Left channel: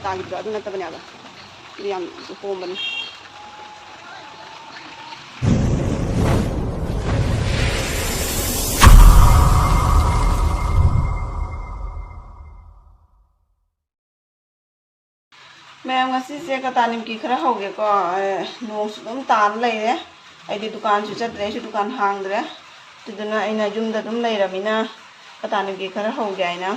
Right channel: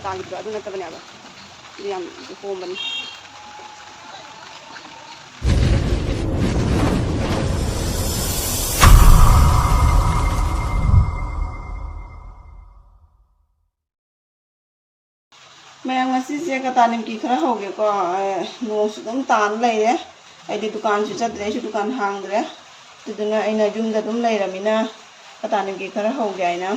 ꯅꯧꯅ ꯇꯥꯈꯤꯕꯗꯣ ꯑꯗꯨ ꯅꯠꯇꯕꯅꯦꯕ ꯑꯗꯨ ꯌꯥꯝ ꯍꯣꯡꯕꯅꯤ ꯃꯌꯥꯝ ꯉꯁꯤꯁꯦ ꯀꯇꯥ ꯅꯤꯝꯀꯤ ꯈꯔ ꯍꯧꯒꯦꯀꯣ ꯅꯣꯡꯁꯨ ꯑꯗꯨꯝ ꯇꯥꯅ ꯂꯩꯔꯦ ꯑꯩꯗꯤ ꯗꯨꯀꯥꯟꯁꯨ ꯆꯠꯇ꯭ꯔꯦ ꯑꯩꯁꯨ ꯗꯨꯀꯥꯟ ꯍꯥꯡꯗ꯭ꯔꯦ ꯑꯗꯨꯗꯨꯅ ꯑꯩꯅ ꯌꯨꯝꯗ ꯑꯗꯨꯝ ꯂꯩꯔꯃꯤꯅ ꯀꯇꯥ ꯅꯤꯝꯀꯤ ꯈꯔ ꯍꯧꯒꯦ ꯍꯥꯏꯅ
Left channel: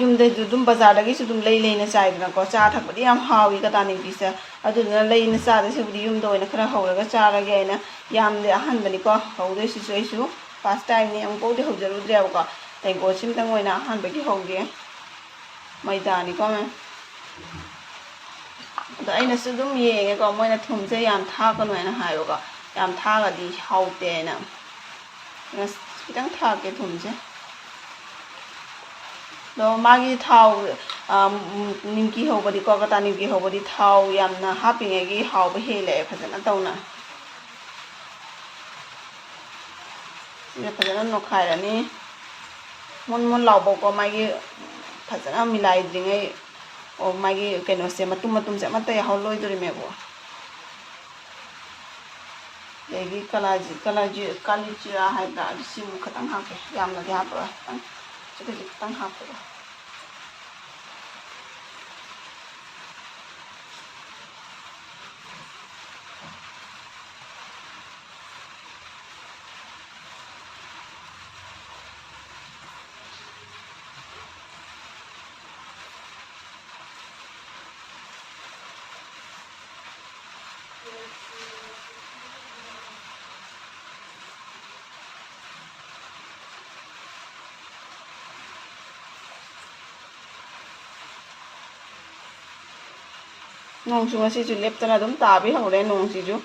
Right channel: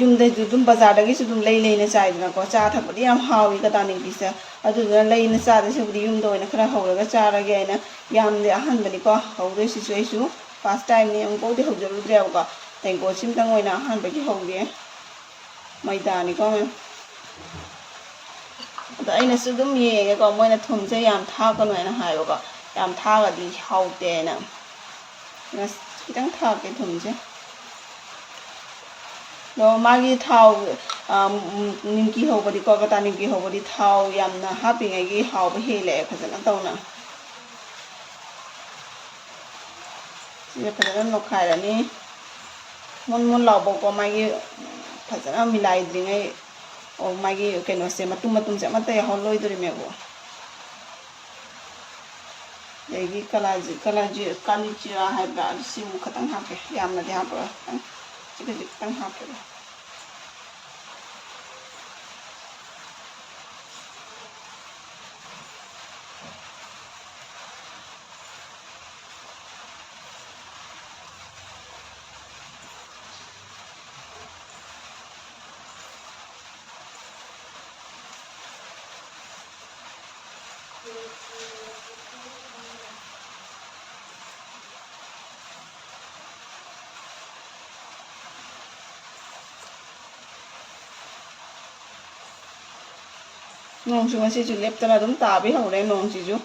ꯌꯨꯝꯗꯩꯁꯨ ꯑꯗꯨꯝ ꯕꯖꯥꯔꯗꯒꯤꯁꯨ ꯑꯗꯨꯝ ꯂꯩꯅ ꯆꯥꯏꯗꯅꯀꯣ ꯆꯥ ꯊꯛꯄꯗꯤ ꯌꯥꯝ ꯍꯥꯎꯏ ꯀꯇꯥ ꯅꯤꯝꯀꯤꯁꯦ ꯑꯗꯨꯗꯨꯅ ꯂꯩꯅ ꯆꯥꯗꯣꯏꯁꯤꯕꯨꯗꯤ ꯌꯨꯝꯗ ꯑꯣꯏꯅ ꯈꯔ ꯍꯧꯔꯒ ꯆꯥꯔꯒꯦ ꯍꯥꯏꯅ ꯌꯥꯝꯗꯤ ꯑꯍꯥꯟꯕꯅꯤꯀꯣ ꯍꯧꯗꯣꯏꯁꯤꯁꯨ ꯑꯩꯁꯨ ꯐꯥꯔꯁ ꯇꯥꯏꯝꯅꯤ ꯑꯃꯨꯛꯐꯥꯎꯗꯤ ꯍꯧꯖꯔꯨꯗ꯭ꯔꯦꯕꯀꯣ ꯇꯦꯡꯀꯣꯠꯁꯤꯃꯇꯪ ꯑꯣꯏꯅ ꯑꯍꯥꯟꯕꯒꯤ ꯍꯧꯒꯦ ꯃꯩꯗꯥꯅꯤꯀꯣ ꯑꯗꯣ ꯑꯩꯅꯁꯨ ꯑꯗꯨꯝ ꯌꯦꯡꯉꯦꯀꯣ ꯃꯣꯏꯅ ꯊꯨꯝꯁꯦ ꯌꯥꯝ ꯊꯥꯛꯀꯅꯨ ꯍꯥꯏꯅ ꯍꯥꯏꯌꯦꯕꯀꯣ ꯌꯥꯝ ꯊꯥꯛꯑꯗꯤ ꯍꯥꯎꯇꯦꯅ ꯈꯤꯇꯪ ꯊꯥꯛꯀꯦ ꯊꯨꯝꯁꯦ ꯑꯗꯣ ꯃꯥꯒꯤ ꯊꯥꯎ ꯅꯤꯝꯀꯤ ꯍꯧꯕꯗꯤꯀꯣ ꯀꯇꯥ ꯅꯤꯝꯀꯤ ꯍꯧꯕꯗꯤ ꯊꯥꯎ ꯌꯥꯝꯅ ꯍꯥꯞꯄꯤꯉꯩꯒꯤ ꯍꯥꯎꯕ ꯍꯦꯜꯂꯛꯑꯦ ꯐꯖꯅ ꯇꯧꯅ ꯁꯤꯁꯦ ꯐꯖꯅ ꯅꯣꯠꯈꯥꯏꯔꯅꯤ ꯃꯨꯟ ꯃꯨꯟ ꯂꯥꯎꯕꯀꯣ ꯃꯥꯒꯤ ꯐꯖꯅ ꯃꯤꯂꯥꯏꯗ꯭ꯔꯤꯉꯩ ꯑꯣ ꯃꯥꯒꯤ ꯀꯩꯅꯣꯁꯦ ꯃꯇꯨꯝꯁꯦ ꯑꯃꯠꯇ ꯌꯥꯎꯍꯜꯂꯣꯏꯗꯣꯔꯤꯃꯦꯕ ꯑꯗꯒꯤ ꯀꯥꯂꯤꯖꯤꯔꯥ ꯍꯥꯏꯕ꯭ꯔꯥ ꯁꯤꯃꯨꯛ ꯈꯛꯇꯪ ꯍꯥꯞꯄꯦ ꯌꯥꯝꯅꯗꯤ ꯍꯥꯞꯄꯔꯣꯏ ꯈꯤꯇꯪ ꯍꯥꯞꯄꯦ ꯅꯣꯡꯁꯨ ꯉꯁꯤꯁꯨ ꯂꯦꯞꯇꯅ ꯑꯗꯨꯝ ꯇꯥꯕ ꯍꯧꯔꯦ ꯅꯣꯡꯁꯤꯁꯨ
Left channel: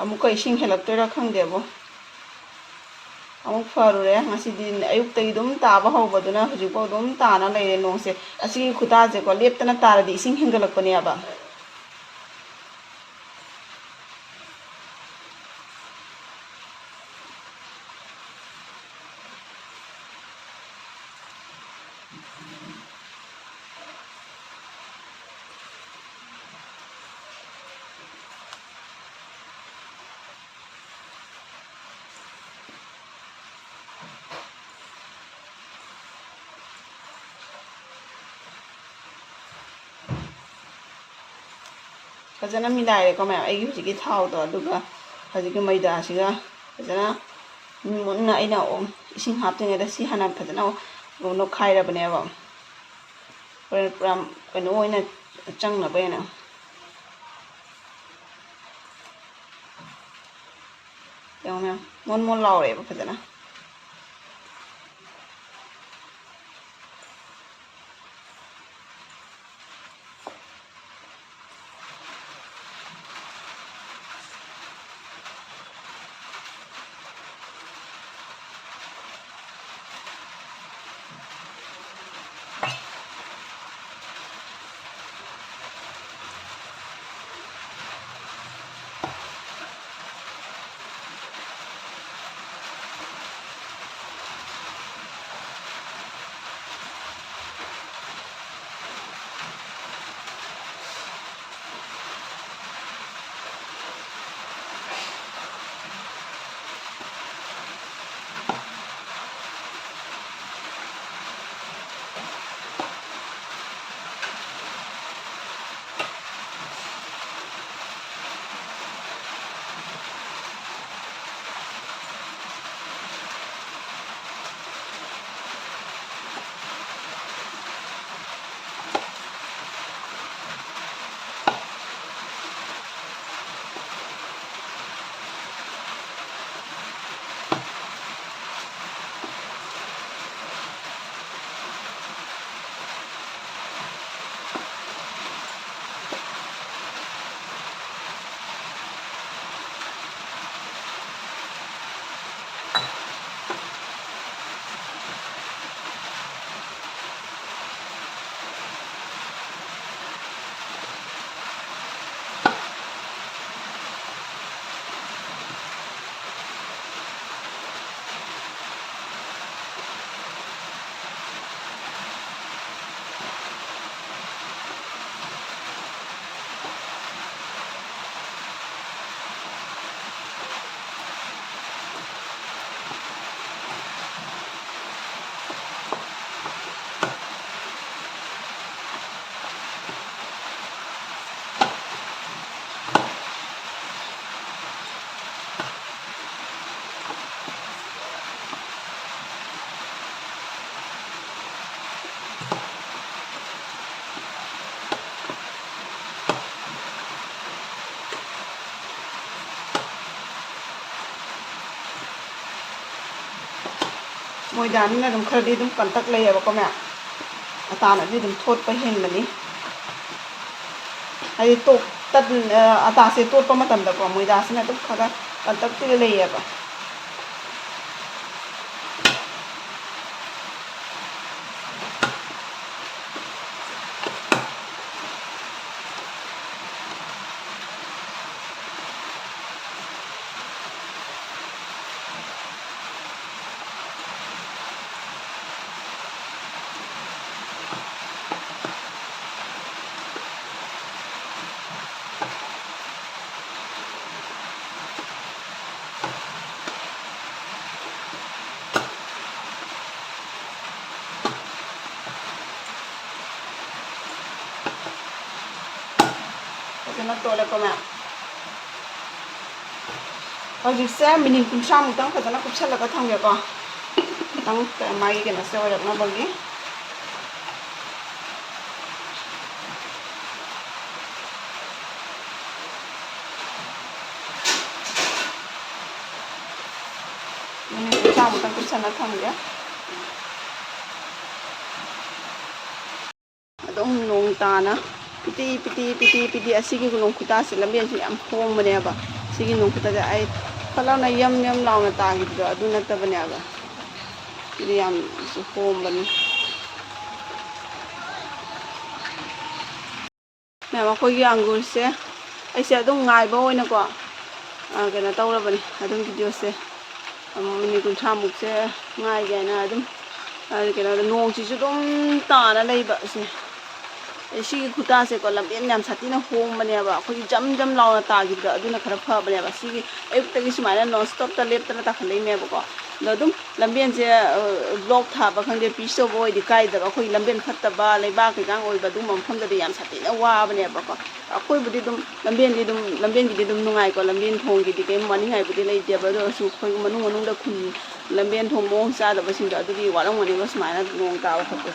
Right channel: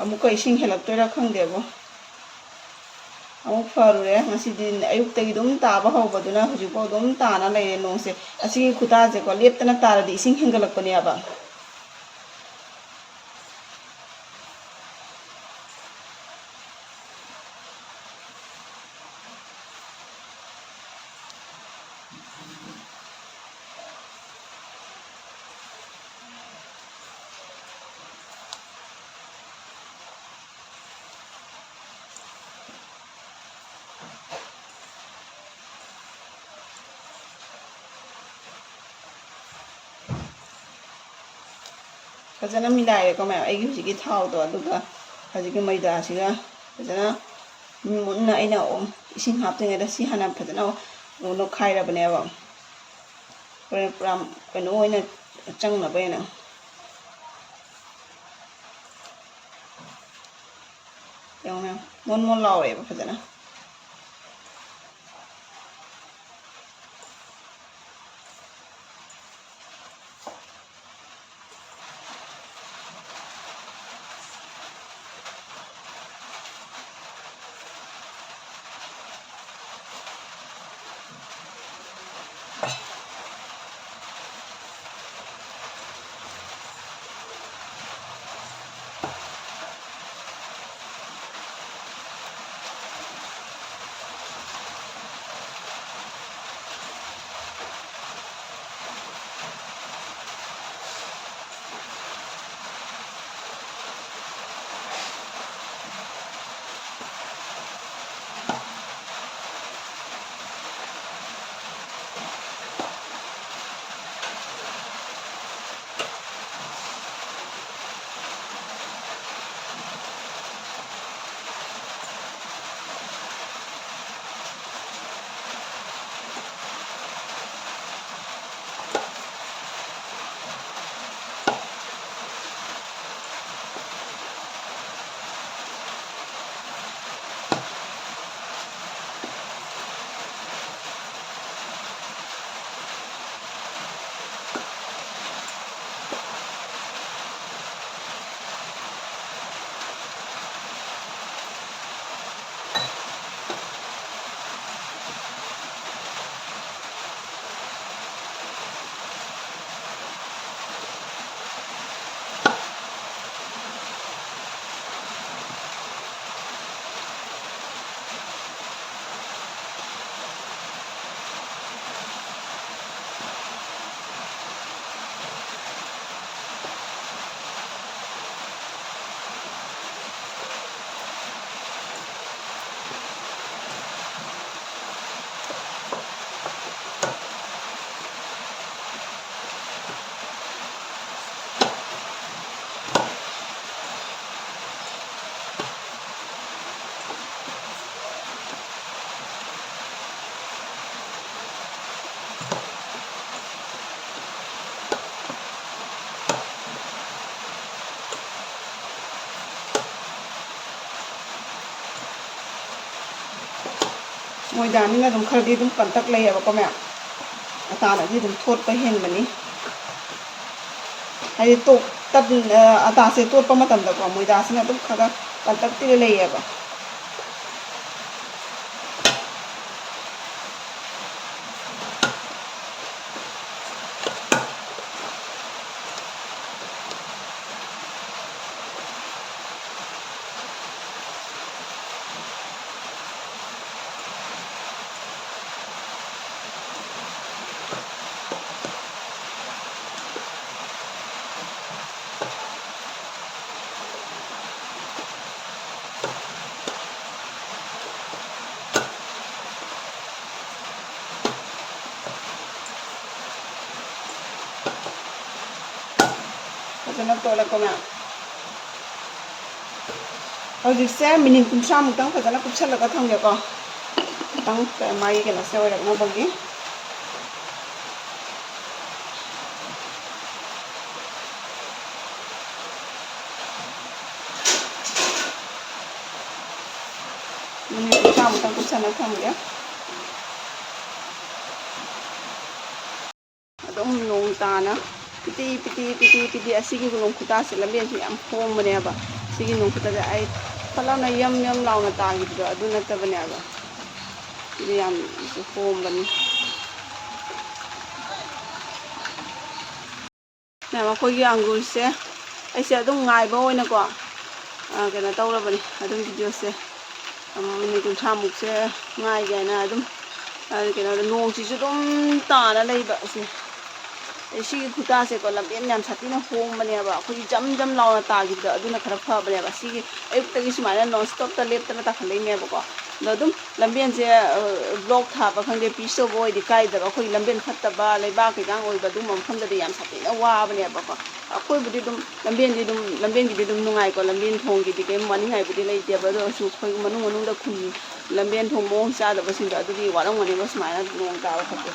ꯑꯃꯨꯛꯀ ꯏꯁꯤꯡ ꯍꯦꯜꯂꯛꯇꯣꯏꯔꯥ ꯈꯪꯗꯦꯕꯣ ꯑꯃꯨꯛ ꯐꯔꯨꯔꯦ ꯉꯁꯤꯗꯤ ꯑꯌꯨꯛꯇꯒꯤ ꯑꯗꯨꯝ ꯇꯥꯕ ꯍꯧꯕꯗꯨꯅ ꯍꯧꯖꯤꯛꯐꯥꯎ ꯑꯗꯨꯝ ꯇꯥꯅ ꯂꯩꯔꯦ ꯅꯣꯡꯁꯦ ꯑꯁꯤꯒꯤ ꯈꯨꯇꯥꯁꯦꯀꯣ ꯂꯦꯞꯇꯅ ꯇꯥꯔꯗꯤ ꯏꯁꯤꯡ ꯍꯦꯟꯒꯠꯂꯛꯄꯅꯦꯕ ꯐꯖꯅ ꯃꯤꯂꯥꯏꯔꯦꯀꯣ ꯃꯌꯥꯝ ꯑꯩꯒꯤ ꯍꯧꯖꯤꯛꯀꯤ ꯊꯥꯎꯗꯣ ꯑꯗꯨꯒ ꯍꯧꯖꯤꯛꯀꯤ ꯃꯩꯗꯥꯁꯤꯒ ꯐꯖꯅ ꯃꯨꯟꯅ ꯑꯩꯅ ꯏꯁꯤꯡ ꯍꯥꯞꯇ꯭ꯔꯤꯉꯩꯗ ꯁꯤ ꯍꯥꯟꯅ ꯐꯖꯅ ꯅꯣꯠꯈꯥꯏꯔꯕꯅꯦꯕ ꯄꯨꯔꯥ ꯀꯩꯅꯣ ꯑꯣꯏꯅ ꯆꯪꯅꯕ ꯑꯣꯏꯅ ꯌꯦꯡꯉꯣ ꯃꯣꯟ ꯃꯣꯟ ꯂꯥꯎꯔꯦꯕ ꯐꯖꯅ ꯃꯣꯏꯗꯥꯅꯤꯅ ꯑꯗꯨꯝ ꯈꯔꯗꯤ ꯑꯗꯨꯝ ꯀꯟꯇꯛ ꯂꯩꯌꯦꯕꯀꯣ ꯃꯌꯥꯝ ꯑꯇꯥꯅꯗꯤ ꯑꯗꯨꯝ ꯊꯣꯠꯄ ꯍꯦꯟꯕꯅꯤ ꯍꯥꯏꯗꯤ ꯑꯇꯥꯁꯦ ꯇꯣꯠꯄ ꯃꯇꯝꯗꯀꯣ ꯃꯣꯏꯗꯥꯁꯤꯅ ꯑꯗꯨꯝ ꯈꯔ ꯀꯟꯇꯛꯇꯤ ꯂꯩꯌꯦꯕ ꯐꯖꯅ ꯇꯣꯠꯂꯛꯄ ꯃꯌꯥꯝ ꯍꯧꯖꯤꯛꯁꯦ ꯃꯤꯅꯤꯠ 30ꯃꯨꯛꯇꯪ ꯐꯖꯅ ꯀꯨꯞꯁꯜꯂꯒ ꯊꯝꯒꯦꯀꯣ ꯈꯤꯇꯪ ꯃꯥꯒꯤ ꯀꯩꯅꯣꯁꯦ ꯑꯣꯏꯔꯛꯅꯕꯒꯤ ꯃꯤꯅꯤꯠ 30ꯃꯨꯛꯇꯪ ꯀꯨꯞꯁꯜꯂ ꯊꯝꯒꯦ ꯑꯗꯨꯝ ꯅꯣꯡ ꯇꯥꯅ ꯄꯤꯇꯤ ꯄꯤꯇꯤ ꯄꯤꯇꯤ ꯄꯤꯇꯤ ꯑꯁꯤꯒꯤ ꯅꯣꯡ ꯈꯨꯇꯥꯁꯦ ꯂꯝꯕꯦꯟꯁꯦ ꯌꯥꯝ ꯍꯣꯡꯕꯅꯦꯕ ꯁꯤꯒꯤ ꯅꯣꯡ ꯈꯨꯇꯥꯁꯦ ꯑꯩ ꯐꯠꯂꯥꯎꯅ ꯌꯝ ꯌꯝ ꯂꯥꯎꯅ ꯇꯥꯈꯤꯕꯗꯣ ꯑꯗꯨ ꯅꯠꯇꯕꯅꯦꯕ ꯁꯤꯗꯤ ꯌꯥꯝ ꯍꯣꯡꯕꯅꯤ ꯃꯌꯥꯝ ꯑꯩꯈꯣꯏꯒꯤ ꯑꯪꯒꯨꯔꯁꯦ ꯑꯩꯁꯦ ꯑꯗꯨꯝ ꯉꯥꯏꯕ ꯑꯣꯏꯅꯀꯣ ꯀꯩꯅꯣ ꯇꯧꯔꯕꯅꯤ ꯑꯗꯨꯝ ꯚꯤꯗꯤꯑꯣꯁꯦ ꯃꯤꯅꯤꯠ 30ꯃꯨꯛꯁꯦ ꯉꯥꯏꯒꯦ ꯍꯥꯏꯅ ꯑꯗꯨꯝ ꯀꯩꯅꯣꯗ ꯅꯣꯡꯁꯤꯁꯨ ꯑꯗꯨꯝ ꯇꯥꯅ ꯂꯩꯕ ꯑꯁꯦ ꯁꯤꯒꯤ ꯈꯨꯇꯥꯁꯦꯀꯣ ꯂꯝꯕꯦꯟ ꯌꯥꯝ ꯁꯥꯊꯤꯅ ꯍꯣꯡꯕꯅꯦꯕ ꯑꯩꯈꯣꯏꯒꯤ ꯖꯝ ꯖꯝ ꯂꯥꯎꯅ ꯇꯥꯈꯤꯕꯗꯣ ꯑꯗꯨꯅ ꯈꯔ ꯐꯕꯅꯦꯕ ꯁꯤꯒꯤ ꯑꯌꯨꯛꯇꯒꯤ ꯁꯨꯃꯥꯏꯅ ꯅꯣꯟ ꯁ꯭ꯇꯣꯞꯇ ꯂꯦꯞꯇꯅ ꯇꯥꯈꯠꯂꯛꯏꯅꯦꯕꯀꯣ ꯑꯗꯣ ꯑꯗꯨꯝ ꯂꯝꯕꯦꯟꯁꯦ ꯕ꯭ꯂꯣꯛ ꯊꯥꯕ ꯈꯪꯗꯦ ꯄꯤꯁ ꯇꯧꯕ ꯑꯣꯏꯗꯤ ꯀꯥꯏꯗꯕ ꯑꯩꯈꯣꯏꯒꯤ ꯂꯝꯕꯦꯟ ꯐꯠꯇꯕ ꯂꯩꯕꯥꯛ ꯀꯩꯀꯥꯡ ꯑꯣꯏꯕ ꯑꯗꯨꯒꯨꯝꯕ ꯃꯐꯝꯗꯗꯤ ꯌꯥꯝ ꯁꯥꯊꯤꯅ ꯋꯥꯕꯅꯦꯕꯀꯣ ꯑꯩꯈꯣꯏꯕꯨꯗꯤ ꯑꯗꯨꯝ ꯂꯝꯕꯦꯟꯒꯤꯗꯤ ꯑꯗꯨꯝ ꯅꯨꯡꯉꯥꯏꯀꯣ ꯂꯝꯕꯦꯟ ꯊꯣꯡꯒꯤꯗꯤ ꯀꯩꯝ ꯋꯥꯅꯤꯡꯉꯥꯏꯕꯨꯗꯤ ꯂꯩꯇꯦꯕ ꯑꯗꯨ ꯑꯣꯏꯔꯁꯨ ꯑꯩꯈꯣꯏ ꯃꯅꯨꯡꯗ ꯈꯨꯟ ꯂꯝꯕꯦꯟ ꯊꯣꯡ ꯃꯑꯣꯡ ꯆꯥꯗꯕꯁꯤꯡꯗꯣ ꯑꯗꯨꯗꯤ ꯋꯥꯔꯝꯒꯅꯦꯕ ꯁꯨꯃꯥꯏꯅ ꯅꯣꯡ ꯇꯥꯕ ꯈꯣꯠꯄ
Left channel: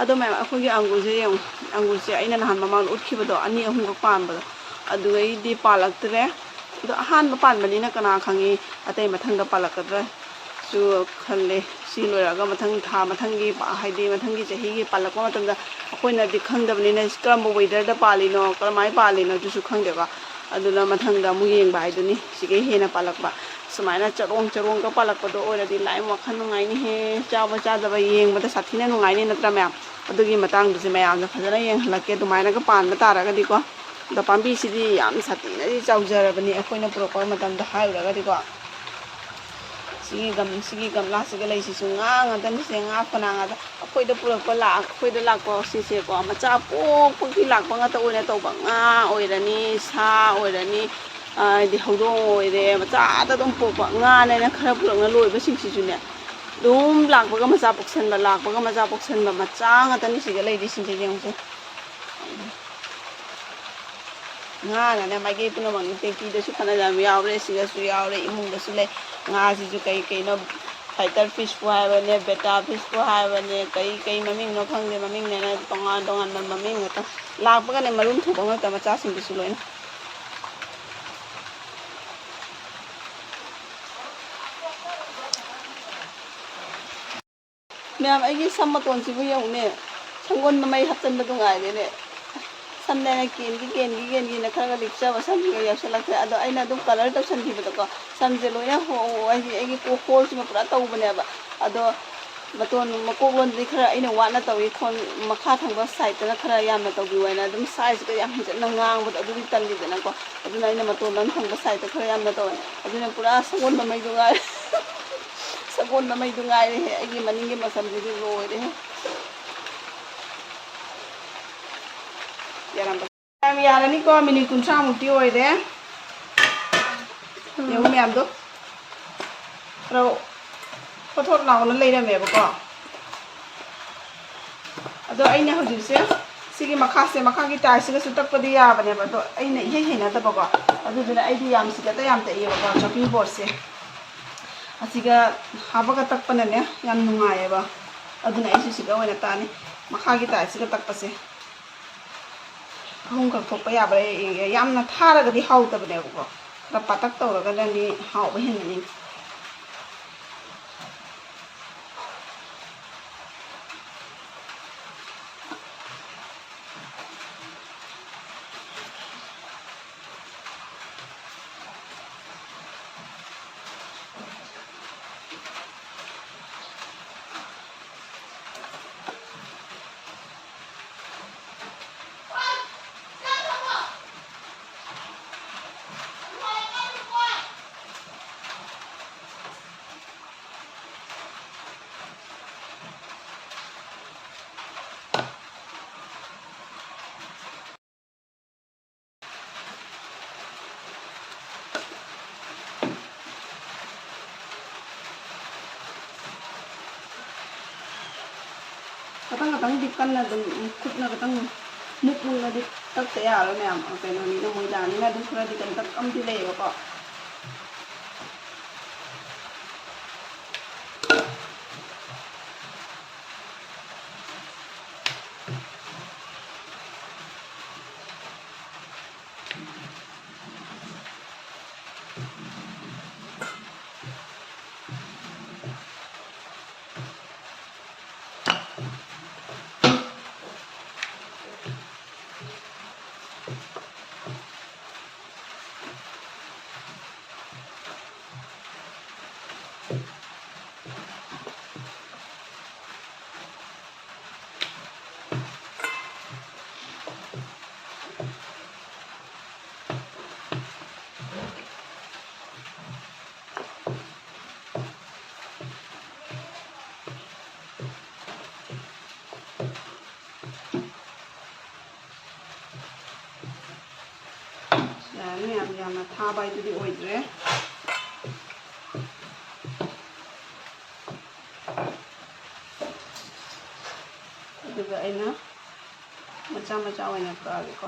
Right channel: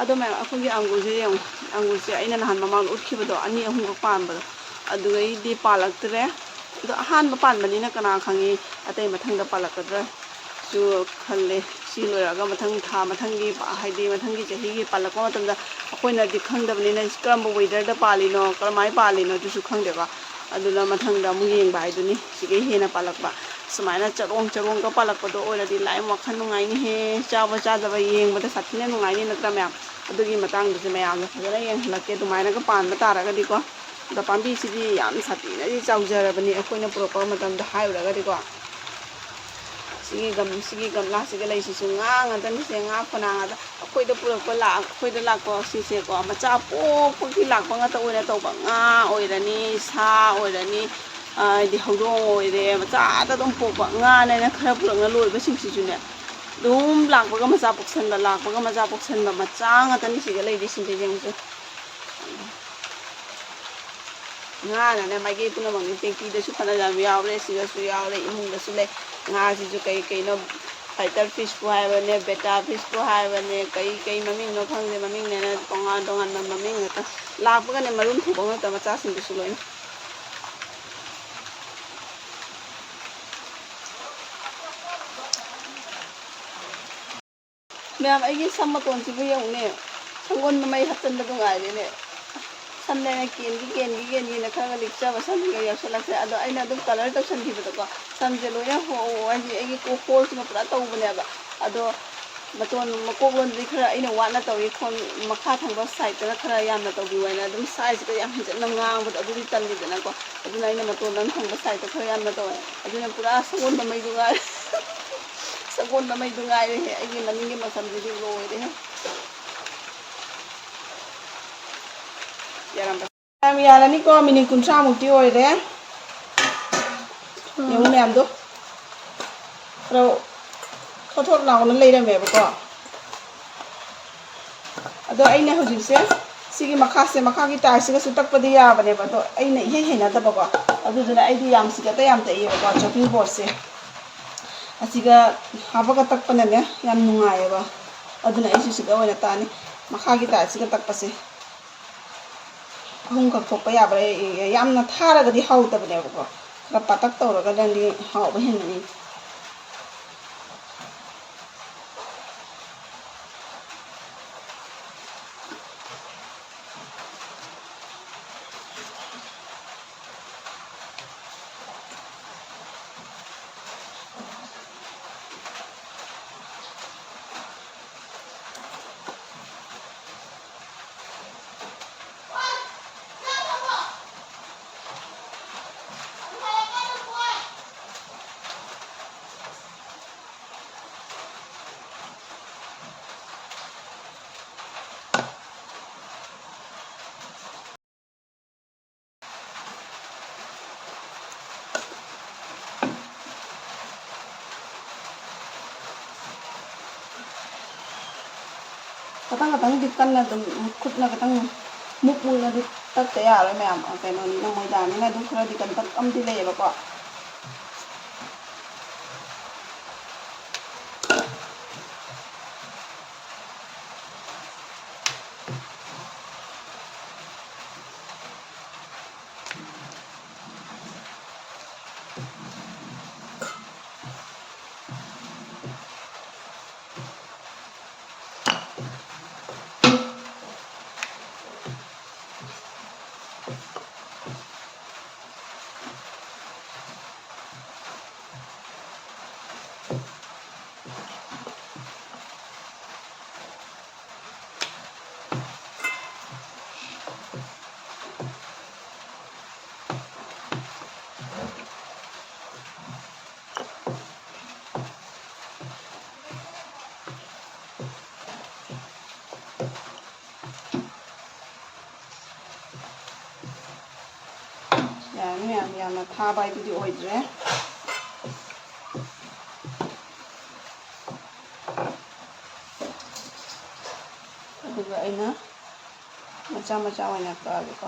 ꯑꯗꯣ ꯃꯌꯥꯝ ꯑꯩꯈꯣꯏꯒꯤ ꯑꯪꯒꯨꯔꯁꯦ ꯌꯦꯡꯉꯨ ꯑꯪꯒꯨꯔꯁꯦ ꯑꯩꯅ ꯅꯍꯥꯟ ꯃꯃꯥꯡꯗ ꯎꯠꯈꯤꯕꯗꯣ 2, 3ꯈꯛ ꯄꯥꯟꯕꯗꯣ ꯑꯗꯨꯒꯩꯗꯤ ꯄꯥꯜꯂꯛꯇ꯭ꯔꯦ ꯑꯗꯣ ꯑꯍꯥꯟꯕ ꯄꯥꯟꯕꯅꯤꯅ ꯀꯅꯥ ꯈꯪꯉꯤ ꯑꯇꯩ ꯃꯊꯪꯗ ꯄꯥꯜꯂꯛꯀꯗ꯭ꯔꯥꯁꯨ ꯈꯜꯂꯦ ꯁꯤ ꯂꯣꯏꯔꯒ ꯃꯊꯪꯒꯤ ꯍꯥꯏꯗꯤ ꯃꯊꯪꯒꯤ ꯆꯍꯤꯒꯤ ꯄꯥꯜꯂꯛꯄ ꯃꯇꯝꯗ ꯑꯩꯈꯣꯏꯅꯗꯤ ꯈꯪꯗꯕꯅꯤꯅ ꯀꯔꯝꯕ ꯋꯦꯗꯔꯗ ꯄꯥꯜꯂꯤꯅꯣ ꯀꯔꯝꯍꯥꯏꯅ ꯄꯥꯜꯂꯤꯅꯣ ꯑꯗꯨꯁꯨ ꯈꯪꯗꯦꯕ ꯑꯗꯨꯅ ꯃꯊꯪꯗ ꯑꯃꯨꯛ ꯌꯦꯡꯕ ꯍꯥꯏꯗꯨꯅꯤ ꯁꯤꯒꯩ ꯍꯦꯟꯅ ꯄꯥꯜꯂꯛꯄ ꯁꯨꯃꯥꯏꯅ ꯆꯔꯣꯡꯒ ꯄꯥꯜꯂꯛꯄꯗꯣ ꯑꯣꯏꯔꯗꯤ ꯂꯥꯏ ꯋꯥꯈꯜ ꯅꯨꯡꯉꯥꯏꯅꯤꯍꯦ ꯆꯥꯕ ꯆꯥꯗꯕ ꯌꯦꯡꯕꯗ ꯁꯥꯊꯤꯅ ꯅꯨꯡꯉꯥꯏꯅꯤ ꯅꯠꯇ꯭ꯔꯥ ꯃꯌꯥꯝ ꯑꯗꯨꯒꯤ ꯃꯇꯥꯡꯗꯨꯁꯨ ꯃꯌꯥꯝꯅ ꯐꯖꯅ ꯌꯦꯡꯍꯜꯂꯛꯀꯦ ꯑꯗꯨꯃꯥꯏꯅꯒ ꯄꯥꯟꯕ ꯇꯥꯔꯒꯗꯤꯀꯣ ꯑꯗꯣ ꯄꯥꯝꯕꯤꯁꯤꯗꯤ ꯌꯥꯝ ꯁꯥꯊꯤꯅꯗꯤ ꯆꯥꯎꯖꯔꯕꯅꯤ ꯑꯩꯈꯣꯏꯅ ꯄꯨꯔꯛꯄ ꯃꯇꯝꯗ ꯍꯥꯏꯔꯨꯔꯒꯗꯤꯀꯣ ꯁꯤꯒꯤ ꯒꯝꯂꯥꯁꯤꯒ ꯂꯩꯁꯤꯁꯨ ꯉꯥ ꯉꯥꯛꯇꯅꯤꯁꯦ ꯉꯥ ꯐꯅꯥ ꯉꯥꯛꯇ ꯑꯩꯈꯣꯏꯗ ꯂꯥꯛꯄ ꯁꯤꯁꯦꯀꯣ ꯃꯆꯥ ꯄꯣꯛꯄꯒꯤ ꯂꯥꯛꯄ ꯉꯥꯛꯇ ꯑꯣꯏꯅ ꯇꯧꯕ ꯉꯥ ꯑꯣꯏꯔꯅꯤ ꯁꯥ ꯑꯣꯏꯔꯅꯤ ꯍꯥꯏꯗꯤ ꯍꯧꯗꯣꯡ ꯑꯣꯏꯔꯦ ꯃꯆꯥꯗ ꯑꯗꯨꯝ ꯄꯣꯛꯄ ꯉꯥꯅꯦꯅ ꯈꯔ ꯄꯨꯔꯛꯅ ꯂꯣꯏꯕꯁꯤꯡꯁꯤꯁꯨꯅꯦ ꯑꯗꯨꯝ ꯂꯥꯛꯄꯒ ꯃꯆꯥ ꯄꯣꯛꯁꯟꯕ ꯃꯆꯥ ꯉꯥꯛꯇꯅꯤ ꯁꯤꯗ ꯂꯩꯔꯤꯁꯤꯡꯁꯦ ꯌꯦꯡꯉꯨꯁꯦ ꯉꯥꯅꯅꯦ ꯃꯥꯏꯀꯩ ꯄꯨꯝꯅꯃꯛꯅꯤ ꯇꯦꯡꯀꯤꯗꯁꯨ ꯐꯅꯌꯥꯝ ꯌꯥꯎꯔꯦ ꯁꯤꯗꯁꯨ ꯌꯥꯎꯔꯦ ꯏꯃꯨꯡꯗꯁꯨ ꯂꯩ ꯉꯥꯁꯤꯁꯨ ꯀꯩꯅꯣ ꯐꯥꯏꯇꯔ ꯐꯤꯁꯄꯨ ꯍꯥꯏꯕꯅꯦ ꯕꯦꯇꯥ ꯐꯤꯁꯄꯨ ꯍꯥꯏꯕꯅꯦ ꯀꯩ ꯃꯃꯤꯡꯅꯣ ꯈꯪꯗꯦ ꯃꯃꯤꯡꯅꯦꯅ ꯇꯣꯉꯥꯟꯕ ꯃꯃꯤꯡ ꯉꯥꯛꯇ ꯂꯥꯛꯄꯒꯅꯦ ꯃꯔꯨꯝ ꯊꯣꯛꯄ ꯉꯥꯛꯇ ꯃꯆꯥꯁꯤꯡꯗꯨꯁꯨ ꯂꯣꯏꯅ ꯃꯌꯥꯝ ꯑꯩꯒꯤ ꯁꯝ ꯃꯇꯣꯟꯁꯤꯕꯨ ꯌꯦꯡꯉꯨꯅꯦ ꯁꯪꯒꯣꯜ ꯃꯃꯩ ꯍꯥꯞꯆꯤꯟꯕꯗꯨ ꯉꯥꯏꯔꯦꯅꯦ ꯁꯝꯅꯦꯅ ꯀꯦꯟꯒꯤꯅ ꯈꯔꯒ ꯂꯤꯛꯆꯕ ꯁꯝꯁꯤꯒ ꯌꯧꯁꯜꯂꯛꯇ꯭ꯔꯦ ꯑꯗꯣ ꯑꯩꯅ ꯑꯗꯨꯝ ꯀꯂꯔ ꯇꯧꯁꯟꯈꯤꯕꯗꯀꯣ ꯁꯝꯁꯦ ꯂꯣꯏꯅ ꯑꯩꯒꯤ ꯍꯣꯜꯁꯤꯃ ꯄꯨꯔꯥ ꯇꯧꯕꯅꯦꯕ ꯑꯗꯣ ꯃꯇꯣꯟ ꯃꯀꯣꯛꯂꯣꯟꯗꯤ ꯈꯔ ꯑꯩꯅ ꯋꯥꯠꯅ ꯇꯧꯏ ꯃꯈꯥ ꯊꯪꯕ ꯁꯥꯏꯗꯇꯅ ꯈꯔ ꯌꯥꯝꯅ ꯇꯧꯕꯤꯌꯨ ꯍꯥꯏꯅ ꯑꯗꯨꯝ ꯁꯥꯏꯖꯀ ꯌꯥꯝ ꯍꯦꯟꯖꯟꯅ ꯉꯥꯡꯕꯗꯣ ꯑꯗꯨꯗꯤ ꯇꯜꯂꯤꯗꯅꯀꯣ ꯑꯗꯨꯅ ꯑꯩꯅ ꯃꯇꯣꯟ ꯊꯪꯕ ꯁꯥꯏꯗꯇ ꯈꯔ ꯌꯥꯝꯅ ꯇꯧꯋꯦ ꯑꯗꯨꯅ ꯄꯨꯔꯥ ꯁꯒꯣꯜ ꯃꯃꯩꯗꯨ ꯉꯥꯏꯔꯦ ꯁꯒꯣꯜ ꯃꯃꯩꯗꯨ ꯉꯥꯏꯔꯦꯍꯦ ꯑꯩꯒꯤ ꯃꯅꯤꯡꯒꯤ ꯃꯁꯝꯁꯤꯗꯤ ꯂꯣꯏꯔꯦꯍꯦ ꯌꯥꯔꯅꯤꯀꯣ ꯃꯤꯅꯤꯠ 30ꯃꯨꯛꯇꯤ ꯑꯣꯏꯔꯦ ꯌꯦꯡꯉꯨ ꯃꯌꯥꯝꯗꯣ ꯈꯔ ꯊꯣꯠ ꯂꯥꯎꯅ ꯂꯩꯔꯝꯃꯦꯕꯀꯣ ꯑꯗꯣ ꯑꯩꯅ ꯍꯧꯖꯤꯛꯁꯦ ꯁꯤꯒꯤ ꯃꯈꯥꯒꯤ ꯇꯥꯏꯜꯁꯤꯒꯁꯨ ꯇꯛꯄꯗꯤ ꯌꯥꯕꯅꯦꯕ ꯑꯗꯣ ꯑꯩꯅ ꯏꯍꯩ ꯍꯩꯅꯗꯕꯀꯣ ꯑꯗꯨꯗꯨꯅ ꯑꯩꯗꯤ ꯌꯥꯝ ꯇꯛꯏꯌꯦꯕꯀꯣ ꯆꯣꯞꯄꯤꯡ ꯕꯣꯔꯗꯁꯦ ꯑꯁꯤꯒ ꯍꯥꯞꯄꯒ ꯇꯛꯄꯅꯅꯦ ꯌꯥꯝ ꯅꯨꯡꯉꯥꯏꯌꯦꯕ ꯑꯗꯨꯅ ꯑꯩꯁꯨ ꯁꯤꯗ ꯑꯣꯏꯅ ꯇꯥꯅꯤ ꯃꯈꯥꯒꯤ ꯇꯥꯏꯜꯁꯤꯒ ꯇꯛꯄꯁꯦ ꯑꯍꯨꯝꯈꯛ ꯊꯣꯛꯄ ꯌꯥꯕ꯭ꯔꯥ ꯌꯥꯝꯅ ꯊꯥꯔꯒꯗꯤ ꯍꯥꯎꯇꯕꯅꯦꯕꯀꯣ ꯈꯔ ꯄꯥꯇꯛ ꯇꯧꯔꯒꯗꯤ ꯍꯥꯎꯕ ꯍꯦꯟꯒꯅꯤ ꯈꯇꯪꯗꯤ ꯀꯟꯅ ꯑꯗꯨꯝ ꯈꯨꯠꯅ ꯈꯇꯪ ꯃꯨꯛꯅꯗꯤ ꯇꯛꯇ ꯌꯥꯔꯣꯏ ꯃꯌꯥꯝ ꯀꯩꯅꯣꯅꯤꯅ ꯃꯣꯏꯗꯥꯅꯤꯅ ꯑꯗꯨꯝ ꯈꯔꯗꯤ ꯀꯟꯇꯛ ꯑꯃꯗꯤ ꯂꯩꯌꯦꯕꯀꯣ ꯌꯥꯔꯅꯤ ꯃꯌꯥꯝ ꯌꯥꯝꯅ ꯊꯥꯕ ꯍꯥꯏꯗꯨꯗꯤ ꯑꯣꯏꯗ꯭ꯔꯦ ꯑꯗꯨꯒ ꯑꯩꯅ ꯃꯆꯥ ꯃꯆꯥ ꯑꯣꯏꯅ ꯀꯛꯑꯒꯦꯀꯣ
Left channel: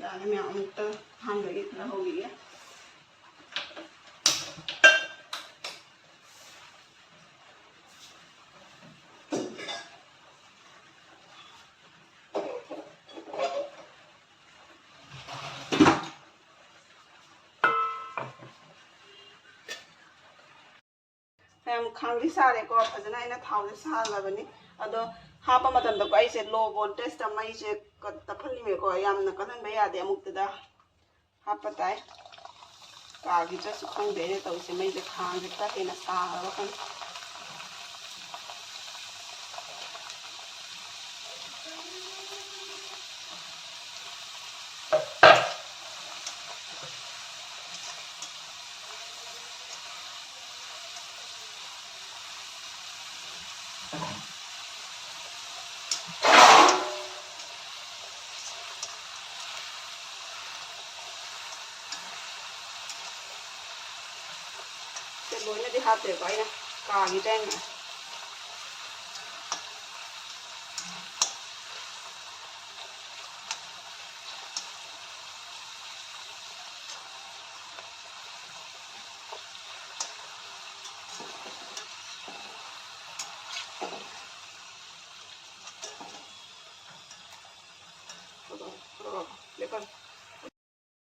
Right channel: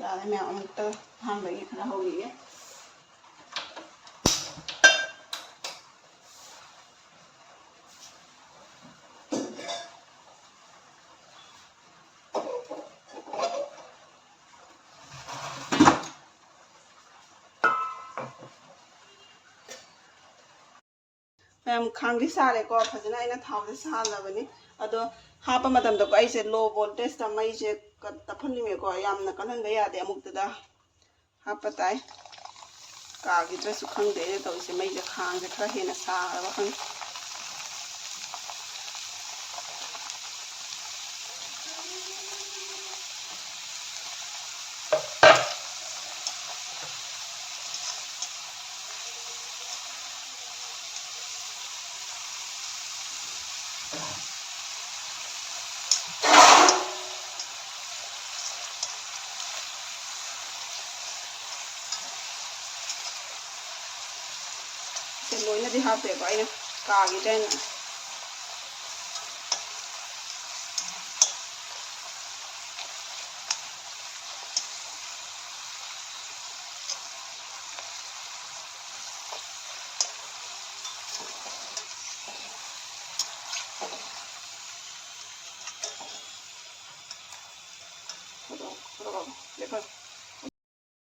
ꯌꯥꯔꯦ ꯃꯌꯥꯝ ꯑꯃꯨꯛꯇ ꯑꯍꯥꯟꯕꯒꯤ ꯈꯔ ꯍꯧꯈꯤꯒꯦ ꯃꯌꯥꯝ ꯈꯥꯡꯗꯤ ꯁꯥꯔꯦꯀꯣ ꯐꯖꯅ ꯑꯩꯅ ꯊꯥꯎꯁꯦ ꯁꯥꯍꯜꯂꯕꯅꯤ ꯑꯗꯣ ꯍꯥꯞꯄ ꯃꯇꯝꯗꯀꯣ ꯑꯩꯁꯦ ꯂꯣ ꯚꯣꯜꯇꯦꯖꯇ ꯃꯩꯁꯦ ꯇꯞꯍꯜꯂꯤꯃꯦꯀꯣ ꯌꯥꯝꯅ ꯀꯜꯍꯟꯕ ꯌꯥꯗꯦ ꯑꯃꯨꯛꯇꯗ ꯍꯥꯞꯄ ꯇꯥꯏ ꯀꯥꯈꯤꯗ꯭ꯔꯁꯨ ꯈꯪꯗꯦ ꯑꯩꯅ ꯇꯧꯔꯤꯁꯦ ꯃꯩꯁꯦ ꯈꯥꯡꯁꯦ ꯈꯔ ꯍꯦꯟꯅ ꯁꯥꯔꯕ ꯈꯪꯗꯦ ꯂꯣꯏꯅꯗꯤ ꯍꯥꯞꯇꯦꯀꯣ ꯑꯩꯅ ꯀꯥꯈꯤꯗ꯭ꯔꯦꯅ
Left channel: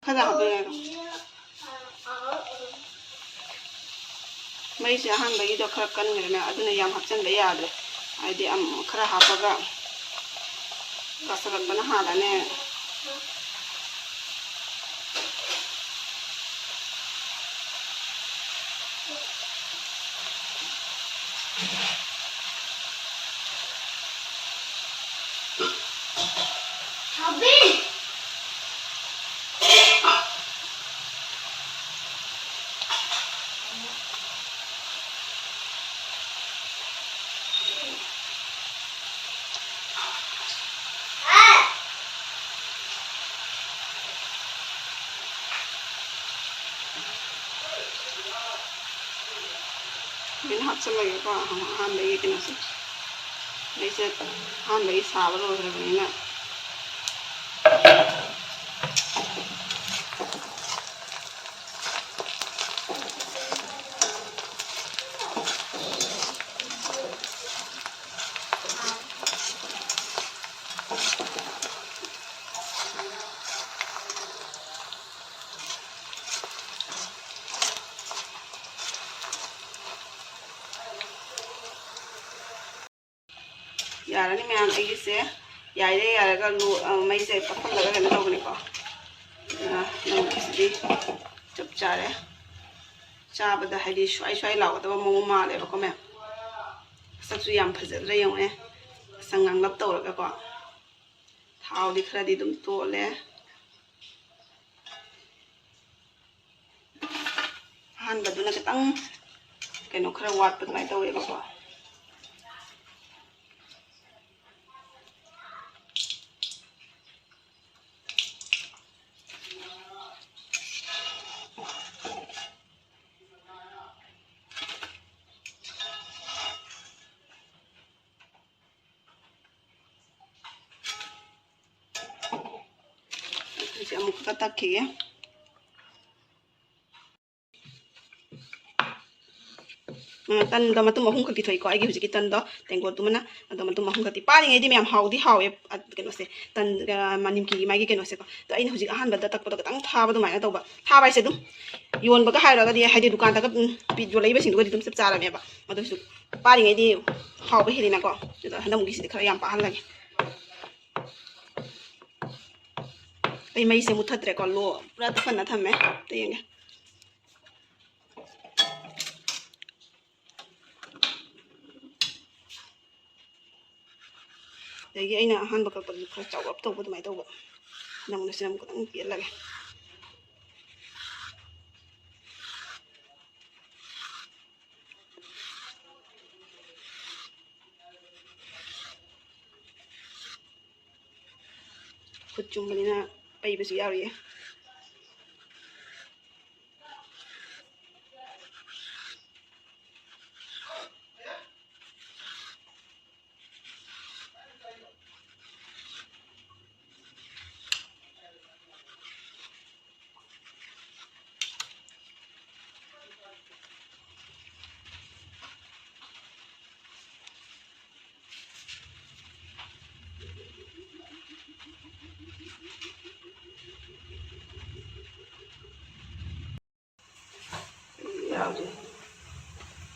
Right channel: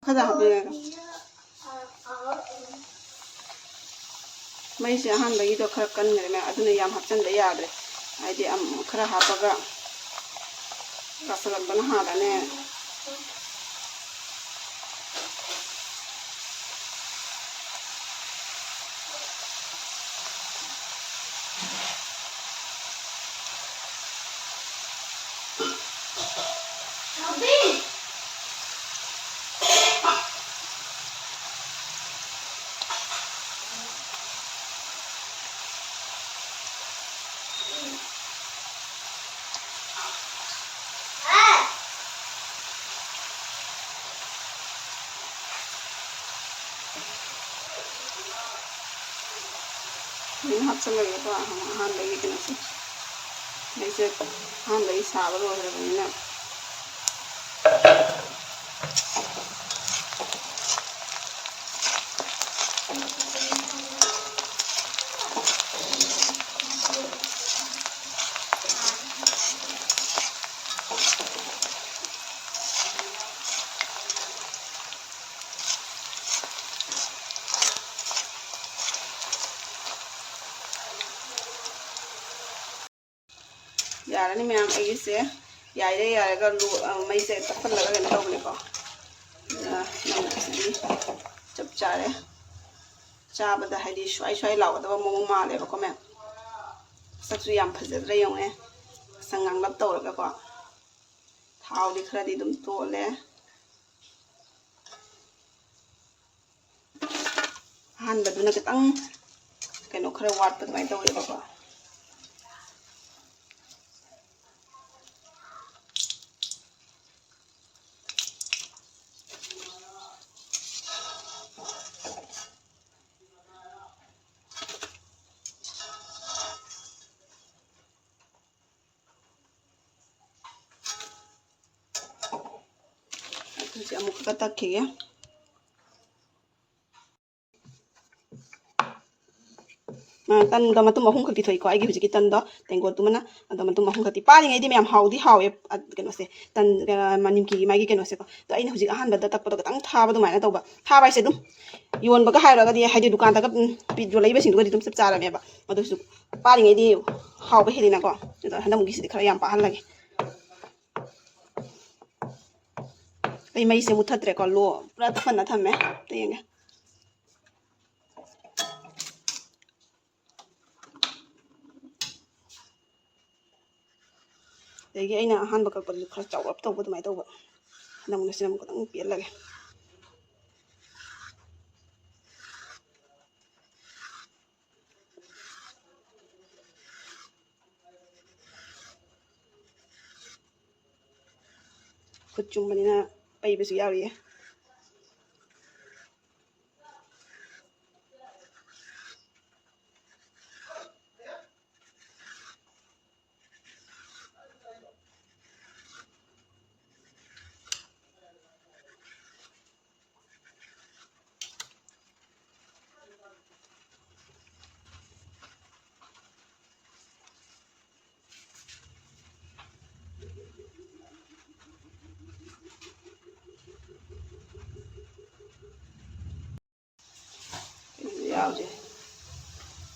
ꯈꯔ ꯍꯥꯞꯄꯤꯔꯒ ꯃꯩꯁꯦ ꯑꯍꯥꯟꯕꯒꯤꯗꯣ ꯈꯔ ꯀꯟꯈ꯭ꯔꯦꯅ ꯑꯗꯨꯅ ꯌꯥꯝ ꯍꯥꯞꯆꯤꯟꯕ ꯌꯥꯗ꯭ꯔꯦ ꯍꯥꯏꯗꯤ ꯈꯔ ꯍꯥꯞꯄꯒ ꯇꯥꯁꯜꯂꯛꯄꯅ ꯍꯥꯜꯂꯅꯦ mình hapchalageको ahanbagi kinase maise ahanbagi saaba loigrabanina यारनी मैम अगीसे यारे यारगा मई से तफल लगा लेना होगने को नमस्ते चुप चारे चाबदा है स्वाई स्वाई लाओ मोमो माले बको मैम सबसे याम फजल रही हूँ संगंग लब तौर को थाव दिखरा दी दुम तोले हान बदुना कितंग कनो खरा वाट पद माई तौरे बको अमुक तक्खिए तन द मतुम अहुम खति थोइको आइगी हुजिकी तन द तेंगो तुमना द मतुम अहुम खति पारिङै दि मैम हाउदी हावे केनोसे तन मनिमकी माइगी केनोसे को तो आइन हुजिक अहान बद तक्पद गतंग थाबा दुमाइना तौबा थाबा इसे दुम योनबगा हाइरगा दि हाइदि दुकान तक पिजो लैबे सिंदुगा दि दुम सब चारामेबा अदुसु पारिङै दि हाउबे हेदिना को हनमुगी सिदि खरा याम पाहन लगे आई मई से मुथत्रे को लो पूरा तफना थमे तेंगे देगी अइना अहानबा कक्पद खरा चावप तौबा दुमाइ तौबा नमना सिनम को पेलगे खुद चुम्बनिना पैबसु यारिए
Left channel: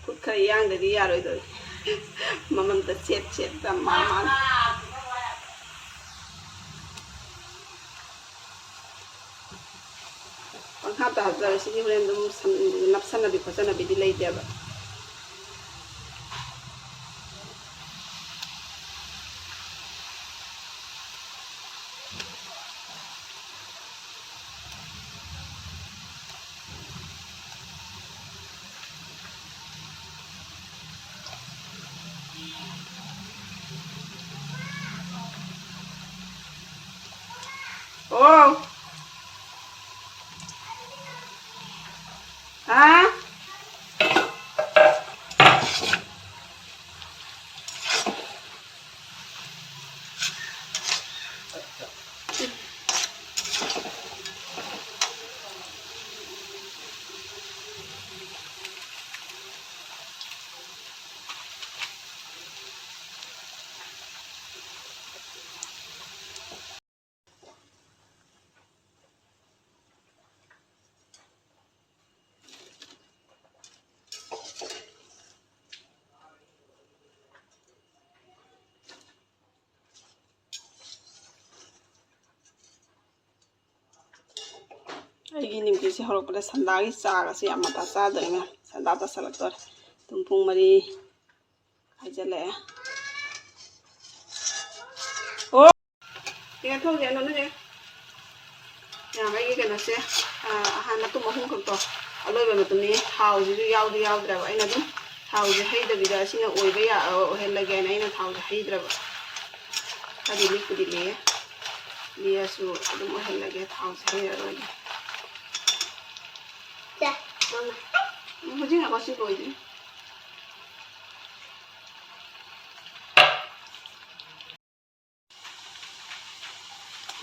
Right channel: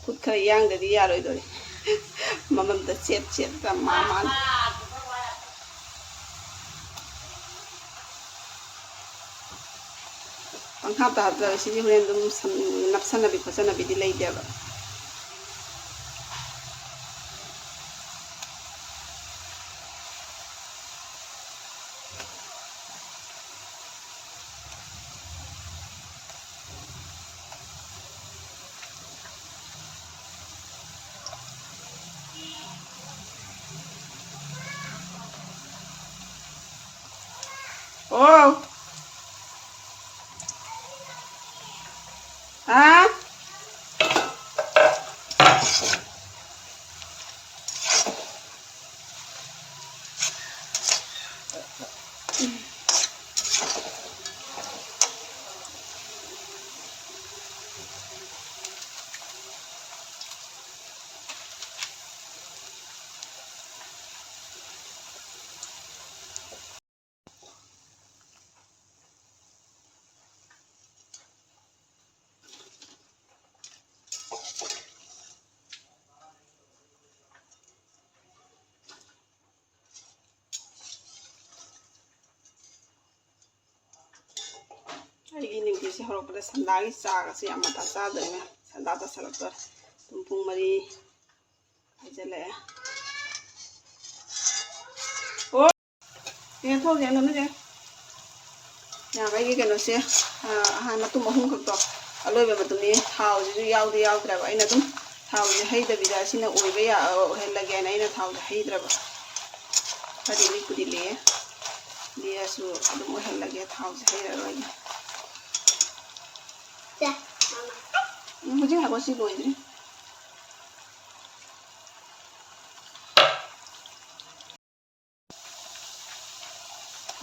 खुद खरा यांगदि यारोइदो मममदा चेत चेत का मान पंखा हाबजा सिदि होरेन दुम नपसनबि फसनबि दि लैदेबा Oh. Hả? ꯑꯩꯒꯤ ꯅꯤꯡꯀꯤꯁꯦ ꯍꯧꯔꯛꯄꯗ ꯁꯟꯗꯥꯒꯤ ꯆꯥꯒꯁꯦ ꯌꯥꯝ ꯃꯇꯥ ꯆꯥꯗꯣꯏꯅꯦ ꯃꯌꯥꯝ ꯁꯟꯗꯥ ꯇꯥꯁꯜꯂꯛꯇꯣꯔꯦ ꯑꯗꯨꯝ ꯄꯨꯡ 4 ꯍꯥꯏꯖꯤꯜꯂꯛꯑꯦ ꯑꯣ ꯌꯦꯡꯊꯣꯛꯑꯒꯦ ꯑꯩꯉꯣꯟꯗꯅꯦ ꯌꯥꯝ ꯑꯩꯒꯤ ꯀꯩꯅꯣꯁꯦ ꯍꯥꯟꯅ ꯃꯇꯨꯝ 3 ꯈꯛꯇꯣ ꯑꯂꯣꯏꯕ ꯃꯇꯨꯡꯗꯤ ꯊꯥꯎꯁꯤꯁꯨ ꯌꯥꯎꯗ꯭ꯔꯕ ꯑꯩꯅ ꯑꯗꯨꯝ ꯊꯥꯎꯁꯦ ꯍꯩꯗꯕꯤꯗ ꯑꯁꯤꯅ ꯑꯣꯏꯍꯜꯂꯒꯦꯅ ꯑꯩꯅ ꯊꯥꯎꯁꯦ ꯍꯩꯗ꯭ꯔꯕ ꯈꯔꯗꯤ ꯂꯤꯛꯄꯨꯗꯤ ꯂꯤꯑꯦ ꯂꯤꯑꯁꯨ ꯑꯗꯨꯝ ꯑꯣꯏꯍꯜꯂꯒꯦ ꯊꯥꯎꯁꯦ ꯍꯩꯔꯔꯣꯏꯒꯦ ꯍꯧꯖꯤꯛ ꯉꯥꯏꯈꯣ ꯁꯤ ꯂꯣꯏꯗ꯭ꯔꯤ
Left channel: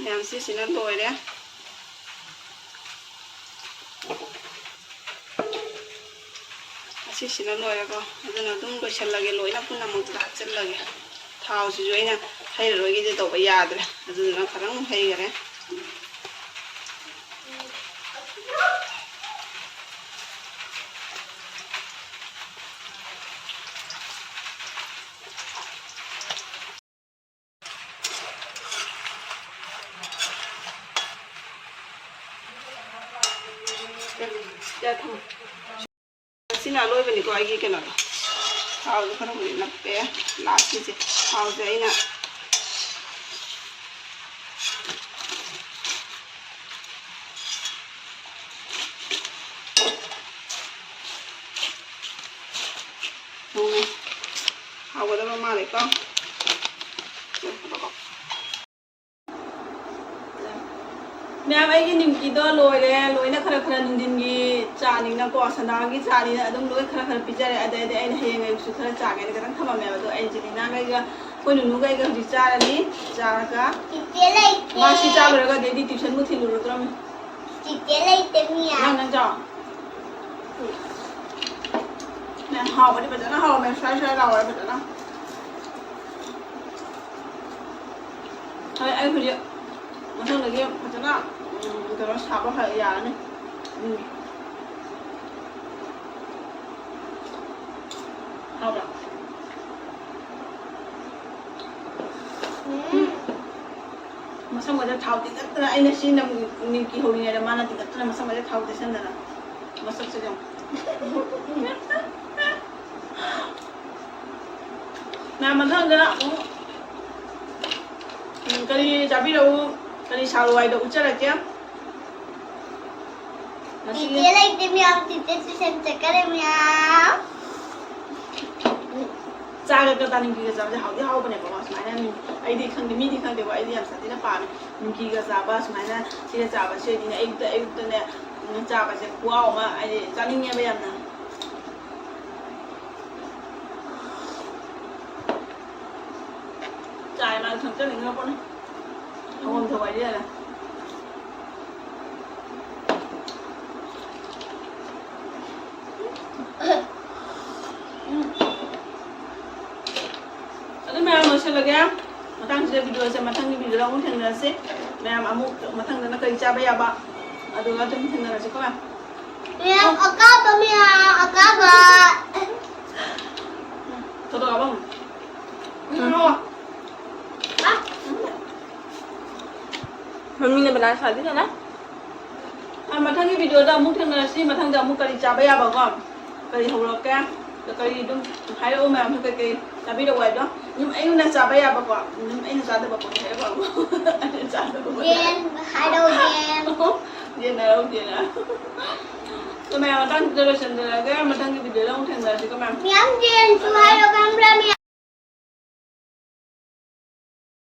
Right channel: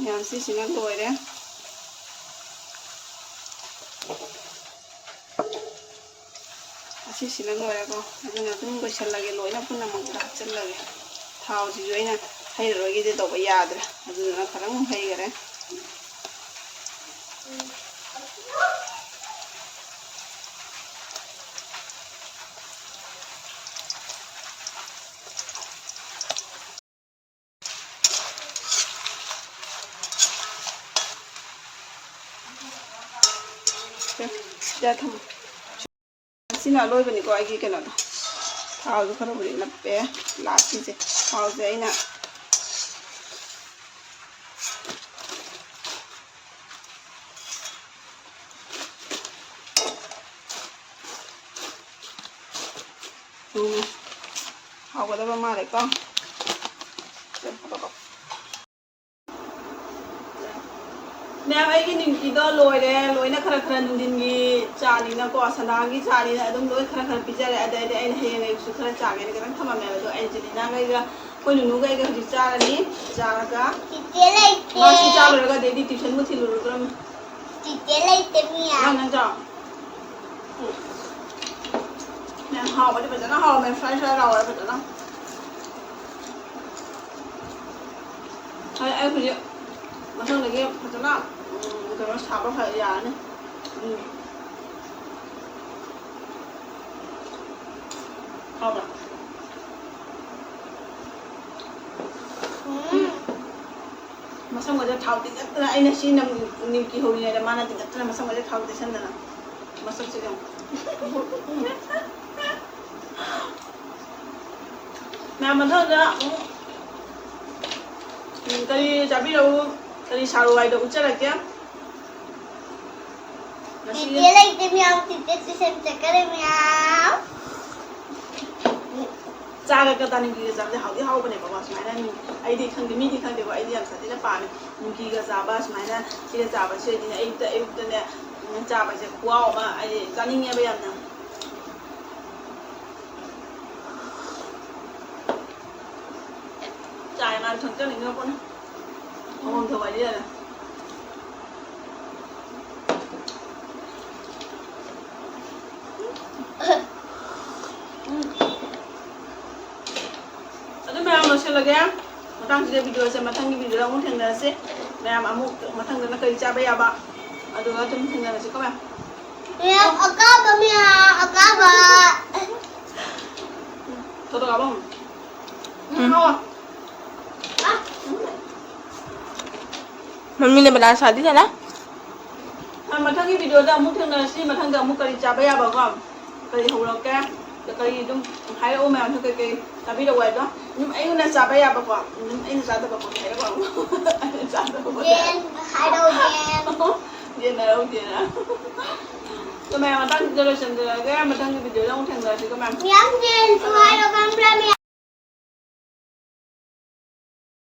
ꯃꯌꯥꯝ ꯁꯤꯁꯤꯅ ꯂꯣꯏꯔꯦ ꯑꯁꯤꯁꯤꯅ ꯂꯣꯏꯔꯒ ꯑꯗꯨꯅ ꯑꯗꯨꯝ ꯂꯣꯏꯁꯤꯜꯂꯒꯦ ꯂꯣꯏꯅ ꯄꯨꯝꯅꯃꯛꯇ ꯍꯥꯞꯆꯤꯜꯂꯒꯦ ꯊꯥꯎꯁꯤꯁꯨ ꯑꯩꯅ ꯍꯩꯔꯔꯣꯏꯒꯤꯗꯤ ꯇꯧꯕ ꯌꯥꯗ꯭ꯔꯦ ꯑꯗꯨꯗꯨꯅ ꯈꯔꯪ ꯍꯩꯈꯔꯦ ꯁꯤꯅ ꯑꯂꯣꯏꯕꯅꯤꯀꯣ ꯑꯩꯒꯤ ꯀꯩꯅꯣꯗꯣ ꯊꯥꯎꯁꯦ ꯈꯔꯕꯨꯗꯤ ꯅꯞꯄꯦ ꯂꯥꯁꯀꯤꯁꯦ ꯊꯥꯎꯁꯦ ꯑꯩꯅ ꯍꯥꯎꯒꯗꯕ ꯃꯥꯜꯂꯦꯀꯣ ꯃꯌꯥꯝ ꯑꯩꯒꯤ ꯅꯤꯝꯀꯤꯗꯣ ꯂꯣꯏꯔꯦ ꯂꯣꯏꯅ ꯈꯔ ꯅꯨꯡꯊꯤꯟꯒꯤ ꯆꯥꯅꯤꯅꯀꯣ ꯁꯟꯗꯥꯒꯤ ꯆꯥꯅꯤꯅ ꯑꯗꯨꯝ ꯂꯣꯏ ꯈꯔ ꯄꯤꯖꯔꯦ ꯑꯗꯩꯗꯤ ꯑꯩꯅ ꯍꯌꯦꯡ ꯑꯌꯨꯛꯁꯨ ꯈꯔ ꯆꯥꯒꯦꯅ ꯈꯤꯇꯪ ꯊꯝꯃꯝꯃꯦꯕ ꯑꯗꯣ ꯑꯦꯟꯖꯦꯂꯤꯅꯥꯒꯩꯒ ꯑꯩꯈꯣꯏ ꯅꯨꯅꯨꯒꯩꯒ ꯍꯧꯖꯤꯛ ꯆꯥꯔꯅꯤ ꯆꯥꯔꯒ ꯃꯥꯁꯤ ꯆꯥ ꯂꯣꯏꯔꯒ ꯑꯗꯩꯗꯤ ꯇ꯭ꯌꯨꯁꯟꯕꯨ ꯊꯤꯜꯂꯨꯔꯗ꯭ꯔꯣꯃꯤ ꯅꯪ ꯆꯥꯎ ꯃꯌꯥꯝ ꯍꯥꯎꯕꯗꯤ ꯐꯖꯅ ꯍꯥꯎꯔꯝꯃꯦ ꯁ꯭ꯋꯥꯏ ꯂꯥꯎꯔꯦ ꯐꯖꯅ ꯑꯩ ꯍꯧꯖꯤꯛ ꯃꯊꯪꯗꯒꯤ ꯐꯖꯅ ꯀꯩꯅꯣ ꯁꯥꯕ ꯌꯥꯔꯅꯤ ꯍꯥꯎꯕ꯭ꯔꯥ ꯃꯁꯝꯒꯗ ꯊꯥꯎ ꯇꯤꯡꯒꯠꯇꯅ ꯑꯩꯅ ꯁꯤ ꯅꯤꯝꯀꯤ ꯍꯧꯔꯤꯉꯩꯗ ꯃꯥꯅ ꯇꯤꯡꯒꯠꯇꯅ ꯃꯁꯝꯒꯗ ꯊꯥꯎ ꯇꯩꯁꯟꯗꯅ ꯃꯁꯛꯁꯦ ꯌꯦꯡꯉꯨ ꯃꯌꯥꯝ ꯃꯊꯪꯗ ꯑꯃꯨꯛ ꯀꯔꯤ ꯆꯥꯕꯤꯔꯛꯎ ꯀꯔꯤ ꯁꯥꯔꯨ ꯍꯥꯏꯗꯣ ꯎꯠꯆꯔꯛꯀꯦ ꯆꯥꯒ ꯅꯤꯝꯀꯤꯒ ꯆꯥꯕꯁꯦ ꯍꯥꯎꯗꯤ ꯍꯥꯎꯕꯅꯦꯕꯀꯣ ꯁꯨꯃꯥꯏꯅ ꯑꯩꯗꯤ ꯈꯪꯗꯦ ꯃꯤꯗꯤ ꯈꯪꯗꯦꯀꯣ ꯑꯩꯗꯤ ꯌꯥꯝ ꯁꯥꯊꯤꯅ ꯄꯥꯝꯃꯦ ꯅꯤꯝꯀꯤꯒ ꯆꯥꯕ ꯁꯨꯃꯥꯏꯅ ꯁꯤꯒ ꯆꯥꯕꯁꯦ ꯑꯣꯏꯗꯤꯅꯦ ꯑꯌꯨꯛꯇꯅꯦ ꯆꯥꯕꯁꯦ ꯈꯨꯍꯥꯎ ꯑꯃ ꯍꯥꯏꯗꯤ ꯆꯥꯅꯤꯡꯉꯦꯕ ꯌꯥꯝꯅ ꯆꯥꯏ ꯃꯥꯅ ꯈꯪꯖꯅꯤꯡꯉ ꯄꯣꯠꯅꯤ ꯊꯧꯐꯝ ꯊꯧꯕ ꯑꯗꯨ ꯃꯌꯥꯝ ꯂꯣꯏꯁꯤꯜꯂꯒꯦ ꯃꯇꯥꯡꯁꯤꯗ ꯚꯤꯗꯤꯑꯣꯁꯦ ꯃꯊꯪꯒꯤ ꯚꯤꯗꯤꯑꯣꯗ ꯑꯃꯨꯛ ꯊꯦꯡꯅꯔꯁꯤ ꯃꯌꯥꯝ ꯑꯃꯨꯛ ꯃꯊꯪꯗꯅ ꯀꯔꯤ ꯆꯥꯕ ꯌꯥꯕ ꯑꯗꯨꯒ ꯑꯗꯨꯝ ꯊꯦꯡꯅꯔꯁꯤꯀꯣ ꯃꯌꯥꯝ ꯑꯀꯥꯕ ꯊꯣꯛꯑꯕ मम्मी ने बना शादी था ना मथंगी वीडियो अमुक थेंनरसी मथंग अमुक करी चाबा याबाको करी हौरके करी दुम हायो मैम तो कई चाबीरो वाइदो दुम अयुना चाबा याबाको दुम अइना चादबा को हेरबा चादबा जेन हाइडो जेन नारो जेन तो मैं मथंग जरूर संदरगे मथंगी वीडियो अमुक थेंनरसी को मैम जेन तो हाइडो कैमरा में